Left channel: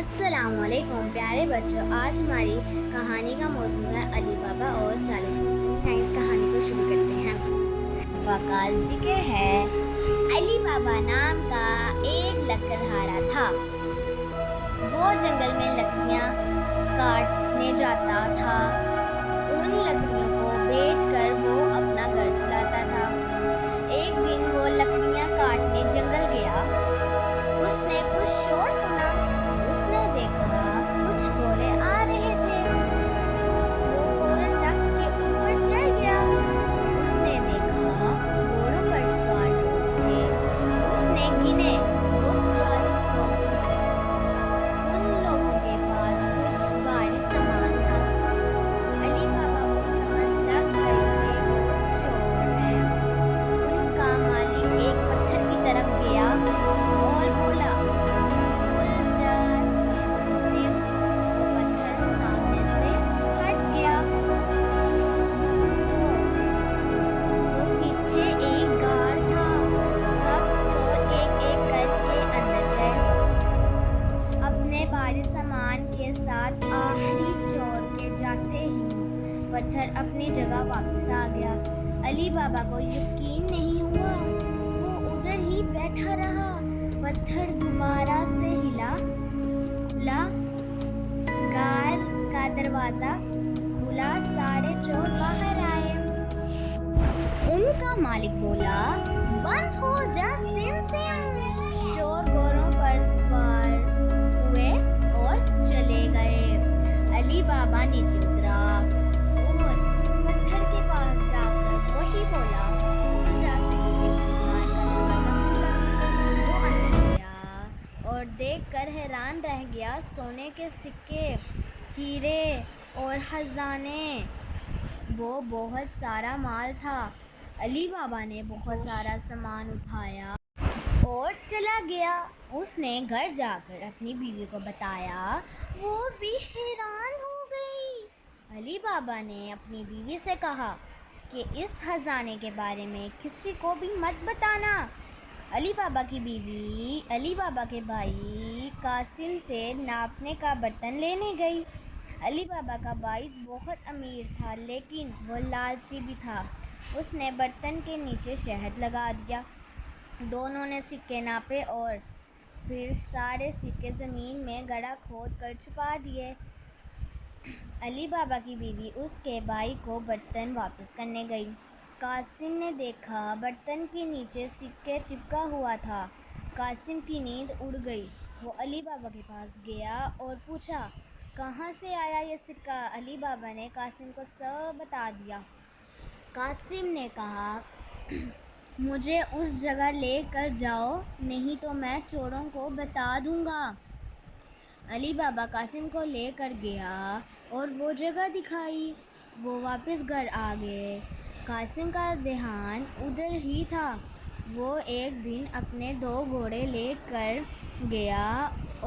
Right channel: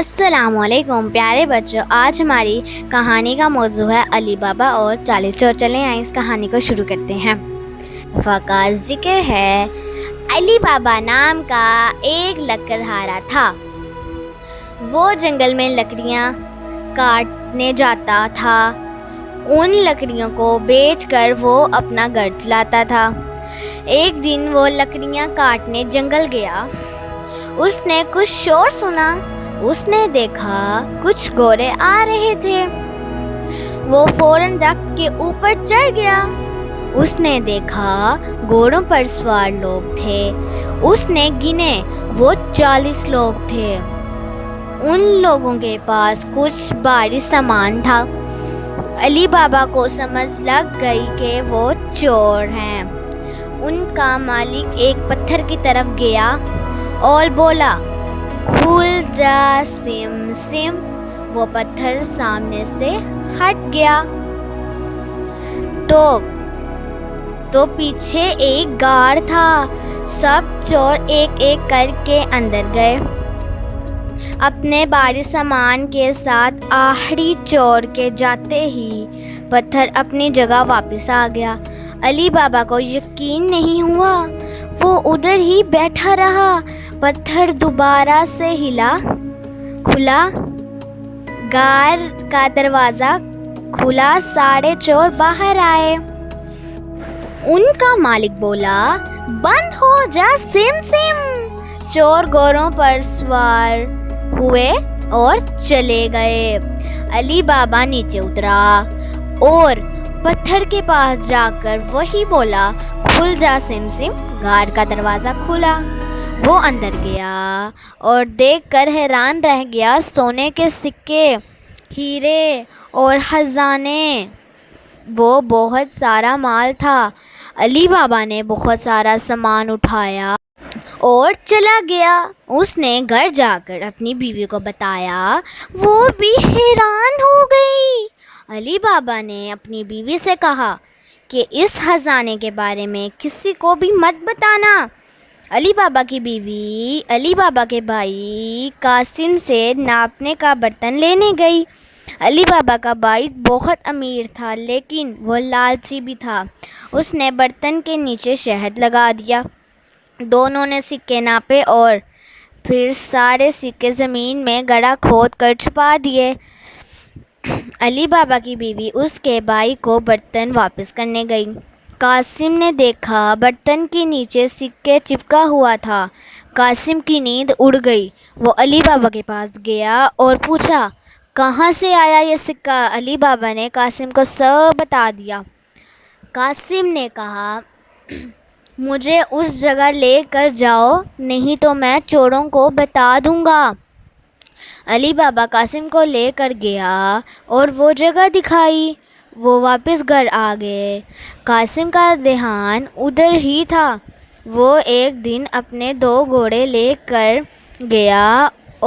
السلام علیکم پیارے بچوں، آج ہماری کہانی کا موضوع ہے علی بابا اور 40 چور۔ چلیں آئیں اس کہانی کو شروع کرتے ہیں۔ کا ذکر ہے، علی بابا نام کا ایک لکڑہارا تھا۔ وہ جنگل میں لکڑیاں کاٹنے جاتا تھا۔ ان لکڑیوں کو بیچ کر وہ اپنا گھر چلاتا تھا۔ ایک دن وہ لکڑیاں کاٹنے جنگل گیا۔ اس نے کچھ شور سنا۔ اس نے دیکھا کچھ گھوڑے آ رہے تھے۔ وہ فوراً درخت کے اوپر چڑھ گیا۔ اس نے دیکھا گھوڑوں پر سوار لوگ تھے۔ اس نے گنے، وہ 40 لوگ تھے۔ ان لوگوں کے پاس کچھ بھاری سامان تھا۔ علی بابا کو سمجھ لگ گئی کہ وہ چور ہیں۔ ان کا مالک ایک پتھر کی طرف گیا اور بولا، کھل جا سم سم۔ وہ پتھر سامنے سے ہٹ گیا تو پیچھے ایک غار تھا۔ سب چور ایک ایک کر کے اندر گئے۔ اپنے بھاری سامان کے ساتھ آخری چور کے جاتے ہی پتھر اپنی جگہ واپس آ گیا۔ علی بابا کو یقین نہیں ہوا۔ وہ ادھر ہی بیٹھا رہا۔ پتھر دوبارہ سے کھلا، غار کا دروازہ کھلا، سارے چور باہر آئے۔ ان کا مالک بولا، بند ہو جا سم سم۔ چور گھوڑوں پر سوار ہوئے اور چلے گئے۔ علی بابا نیچے اترا اور پتھر کے پاس جا کر وہی بولا، کھل جا سم سم۔ غار کا دروازہ کھلا۔ وہ اندر گیا اور دیکھ کر حیران رہ گیا۔ سونے کے سکے، ہیرے اور خزانے، وہ بہت سارا مال تھا۔ علی بابا نے بہت سارا سامان اٹھایا اور چلا گیا۔ اس نے گھر جا کر اپنی بیوی کو بتایا۔ وہ بھی حیران ہو گئی۔ علی بابا نے اپنی بیوی سے کہا کہ اس خزانے کے بارے میں کسی کو بھی مت بتانا۔ علی بابا کی بیوی علی بابا کے بھائی قاسم سے ناپنے کا برتن لینے گئی۔ علی بابا کا بھائی بہت امیر تھا لیکن وہ لالچی بھی تھا۔ اس نے برتن کے نیچے شہد لگا دیا۔ دونوں نے سکے ناپے اور پھر سارے سکے زمین میں گڑھا کھود کر چھپا دیے۔ علی بابا کی بیوی اس کے بھائی کو برتن واپس کرنے گئی۔ قاسم نے دیکھا برتن کے نیچے سکے چپکا ہوا تھا۔ قاسم کی نیند اڑ گئی۔ وہ علی بابا کے پاس گیا اور پوچھا، کہاں سے آیا یہ سکہ؟ علی بابا نے قاسم کو سب بتا دیا۔ قاسم نے کہا، مجھے اس جگہ لے کر جاؤ نہیں تو میں چوروں کو بتا دوں گا۔ علی بابا قاسم کو لے کر گیا اور وہ جگہ دکھائی۔ وہ واپس گھر آ گئے۔ قاسم کا دھیان ادھر ہی تھا۔ وہ ایک دن اپنے 2 گھوڑے لے کر گیا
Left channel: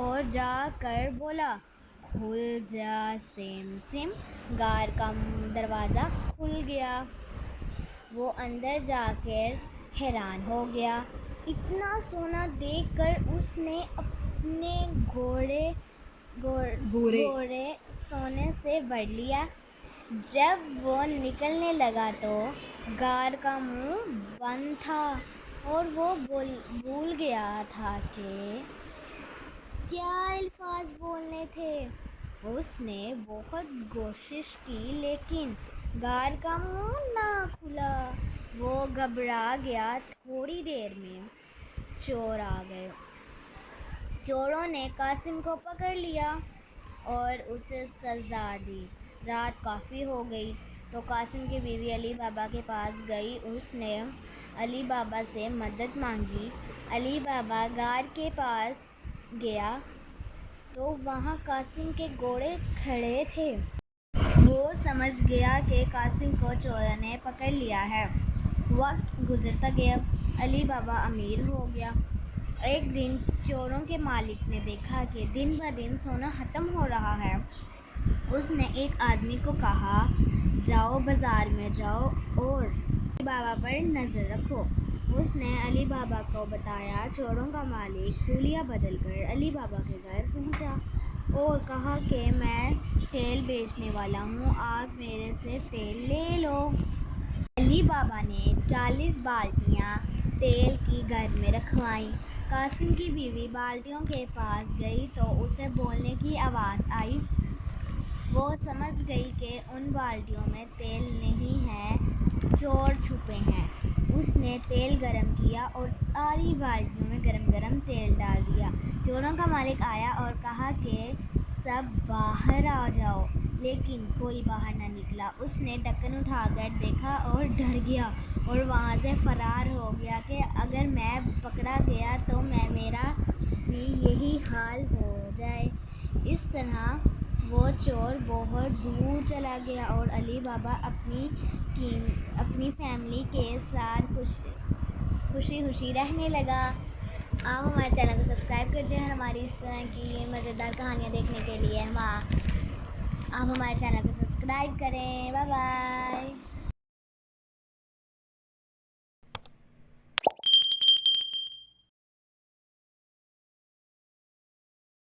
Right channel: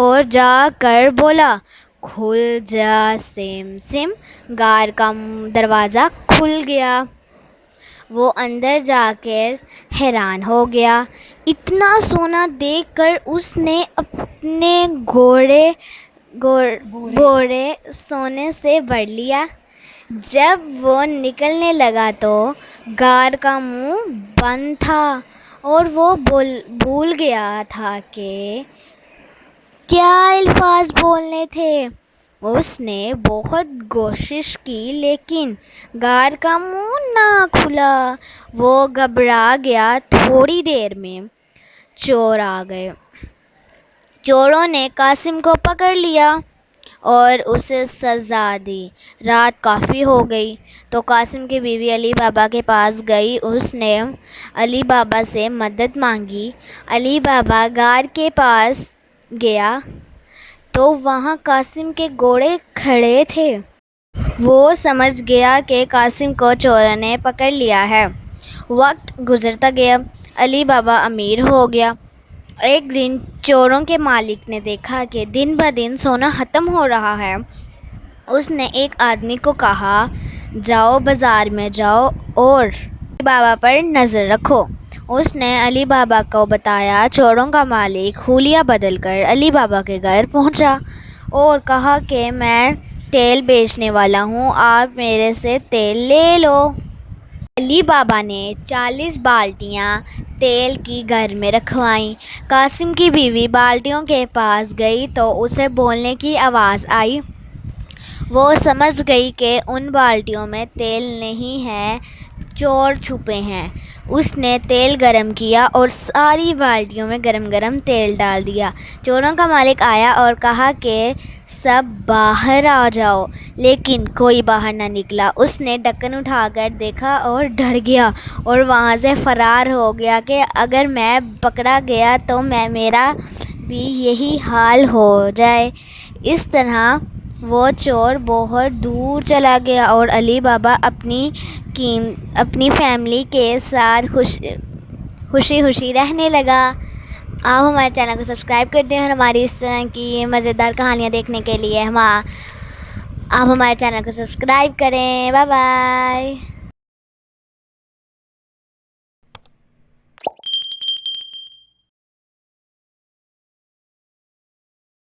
اور جا کر بولا، کھل جا سم سم۔ غار کا دروازہ کھل گیا۔ وہ اندر جا کر حیران ہو گیا۔ اتنا سونا دیکھ کر اس نے اپنے گھوڑے سونے سے بھر لیا۔ جب وہ نکلنے لگا تو غار کا منہ بند تھا اور وہ بھول گیا تھا کہ کیا الفاظ بولنے تھے۔ اس نے بہت کوشش کی لیکن غار کا منہ نہ کھلا۔ وہ گھبرا گیا۔ تھوڑی دیر میں چور آ گئے۔ چوروں نے قاسم کو پکڑ لیا اور اسے سزا دی۔ رات کافی ہو گئی تو قاسم کی بیوی علی بابا کے پاس گئی۔ اس نے علی بابا سے مدد مانگی۔ علی بابا غار کے پاس گیا تو وہاں قاسم کے گھوڑے کھڑے تھے۔ وہ سمجھ گیا کہ قاسم کو چوروں نے پکڑ لیا ہے۔ وقت گزرتا گیا۔ علی بابا امیر ہو گیا۔ ایک دن چوروں کے مالک نے دیکھا کہ دن بدن سونا ختم ہو رہا ہے۔ اس نے ایک آدمی کو کہا، جاؤ بازار میں جاؤ اور علی بابا پر نظر رکھو۔ اس نے علی بابا کو بتایا۔ چوروں کا مالک حلیہ بدل کر علی بابا کے گھر پہنچا اور کہا کہ میں تیل بیچنے والا ہوں، آپ میرے سے تیل لے لو۔ علی بابا نے 40 بالٹیاں تیل کی گھر میں رکھوائیں۔ قاسم کی بیوی بالٹیوں کے پاس گئی تو اسے بولنے کی آواز آئی۔ وہ سمجھ گئی کہ ان بالٹیوں میں تیل نہیں ہے، چور چھپے ہیں۔ اس نے تیل گرم کیا اور ساری بالٹیوں میں گرم گرم تیل ڈال دیا۔ چوروں کا مالک آیا اور کہا کہ سب باہر آ جاؤ، لیکن کوئی باہر نہ نکلا۔ اس نے ڈھکن اٹھا کر دیکھا اور ڈر گیا اور وہاں سے فرار ہو گیا کہ اگر میں پکڑا گیا تو میرا بھی یہی حال ہو جائے۔ اس طرح وہ چور بہت دور چلا گیا اور علی بابا اپنی فیملی کے ساتھ خوشی رہنے لگا۔ آپ ہمارے چینل کو سبسکرائب کرتے ہیں اور ہماری اس طرح کی مزیدار کہانیاں دیکھنے کے لیے آپ ہمارے چینل کو سبسکرائب کریں۔ Bye bye.